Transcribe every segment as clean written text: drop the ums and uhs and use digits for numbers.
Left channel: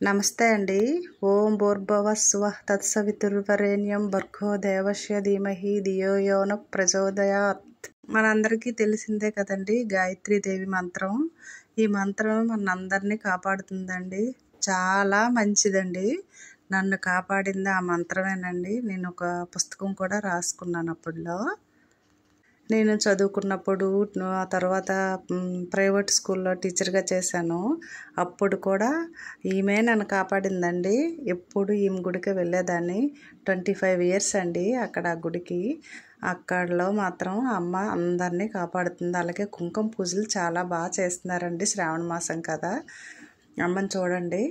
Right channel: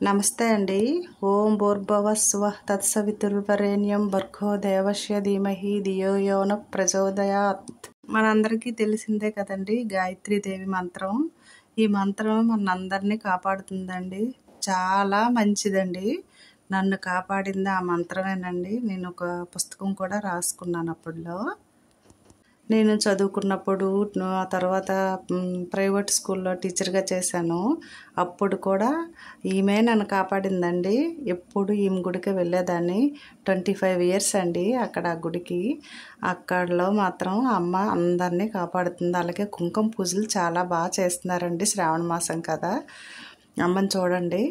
నమస్తే అండి. ఓం భూర్భువః స్వః తత్సవితుర్వరేణ్యం భర్గో దేవస్య ధీమహి ధియో యో నః ప్రచోదయాత్. మనందరికీ తెలిసిందే కదండి గాయత్రీదేవి మంత్రం. ఈ మంత్రం మనందరినీ కాపాడుతుందండి. చాలా మంచిదండి. నన్ను కాపాడింది ఆ మంత్రమేనండి. నేను ఒక పుస్తకం కూడా రాసుకున్నాను అప్పుడులో. నేను చదువుకున్నప్పుడు ఆ తర్వాత ప్రైవేట్ స్కూల్లో టీచర్గా చేశాను. అప్పుడు కూడా ఈమె నన్ను కాపాడిందండి. ఎప్పుడు ఈమె గుడికి వెళ్ళేదాన్ని. 25 ఇయర్స్ అండి అక్కడ ఆ గుడికి. అక్కడలో మాత్రం అమ్మ అందరినీ కాపాడుతుంది. అలాగే కుంకుమ పూజలు చాలా బాగా చేస్తున్నారండి. శ్రావణ మాసం కదా, అమ్మని చూడండి.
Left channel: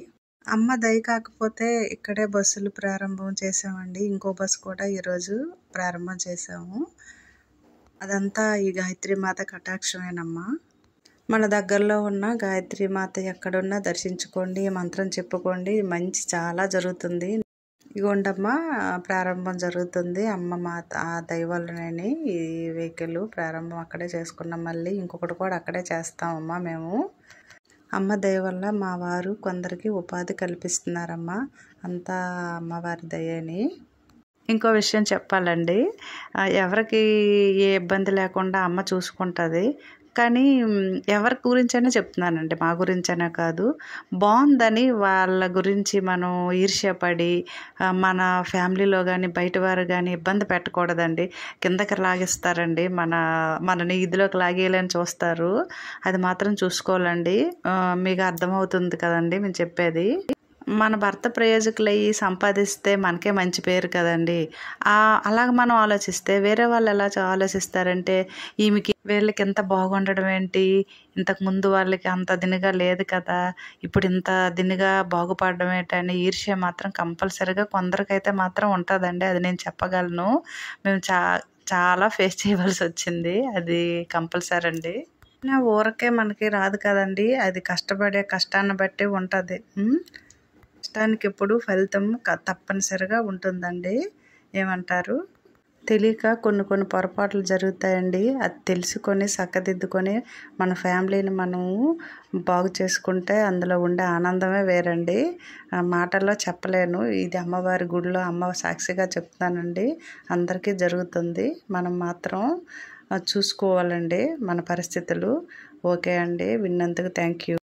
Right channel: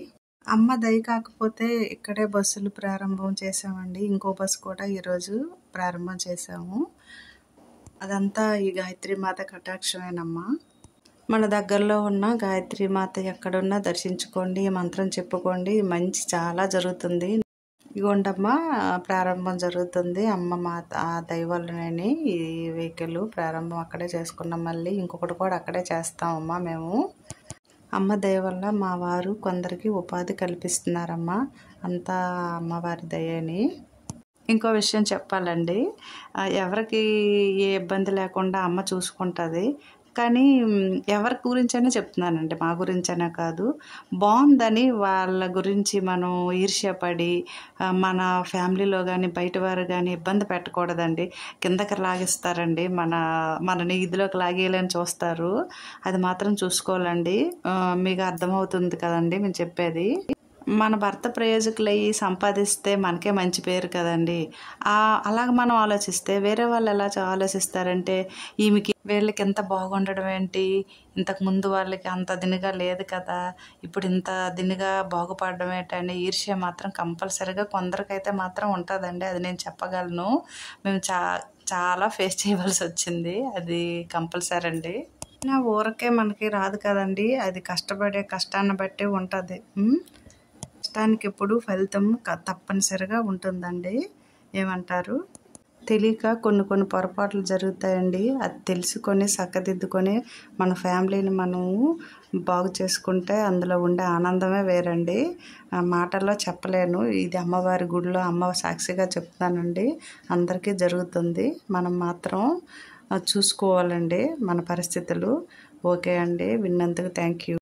అమ్మ దయ కాకపోతే ఇక్కడే బస్సులు ప్రారంభం చేసామండి. ఇంకో బస్సు కూడా ఈరోజు ప్రారంభం చేసాము. అదంతా ఈ గాయత్రీమాత కటాక్షమేనమ్మా. మన దగ్గరలో ఉన్న గాయత్రీమాత ఎక్కడున్నా దర్శించుకోండి, మంత్రం చెప్పుకోండి, మంచి చాలా జరుగుతుంది. ఇగోండమ్మా ప్రారంభం జరుగుతుంది. అమ్మ మాత ఆ దైవాలనే ఈ వెహికల్ ప్రారంభం అక్కడే చేసుకున్నాం. మళ్ళీ ఇంకొకటి కూడా అక్కడే చేస్తామమ్మా మేము. అమ్మ దయ వల్ల మా వారు కొందరికి ఉపాధి కల్పిస్తున్నారమ్మా. అంతా అమ్మవారి దయని. ఇంకో విషయం చెప్పాలండి, ఎవరికి ఏ ఇబ్బంది లేకుండా అమ్మ చూసుకుంటుంది. కానీ ఎవరి గురించైనా చెప్తున్నానండి, మా గురించైనా కాదు. బాగుందని వాళ్ళ గురించి మనం ఈర్ష్యపడి మన ఫ్యామిలీలో కానీ బయట వారు కానీ ఇబ్బంది పెట్టకూడదండి. కిందకి లాగిస్తారండి, మనని ఇదిలోకి లాగేయాలని చూస్తారు. అది మాత్రం చూసుకోవాలండి. మీకు అర్థమవుతుంది కదండి మేము చెప్పేది. మన భర్త ప్రయోజకులయ్యి సంపాదిస్తే మనకే మంచి పేరు కదండి. అలాగ మనం ఆలోచిస్తే వేరే వాళ్ళు ఎలా ఆలోచిస్తారంటే, ఈమెకి వీళ్ళకి ఎంత బాగుండడం ఏంటి, ఇంతకుముందు వాళ్ళకి అంత దినిగా లేదు కదా, ఇప్పుడు ఇంత దినిగా బాగుపడడం ఏంటని ఈర్ష్య మాత్రం కంపల్సరీగా కొందరికైతే మాత్రం ఉంటుందండి. అది నేను చెప్పగలను. మేము చాలా ఫేస్ చేయవలసి వచ్చింది. అది కంపల్సరీ అండి. ఊరకే మనకి రాదు కదండి. అది కష్టాన్ని బట్టి ఉంటుంది. కష్టానికి ఎప్పుడు ఫలితం తప్పనిసరిగా ఉంటుందండి. ఏమంటారు? తెలియక కొన్ని పొరపాట్లు జరుగుతాయండి. అది తెలుసుకొని చక్కదిద్దుకొని మన ఫ్యామిలీని మనము బాగు చేసుకుంటే అందులో ఉండే ఆనందమే వేరండి. మాటల్లో చెప్పలేను. ఇది అమ్మవారి గుడిలో అమ్మ సాక్షిగా చెప్తానండి. అందరికీ జరుగుతుంది. మనం మాత్రం చూసుకోవాలండి మన పరిస్థితులు. ఓకే అండి, విన్నందుకు థ్యాంక్ యూ.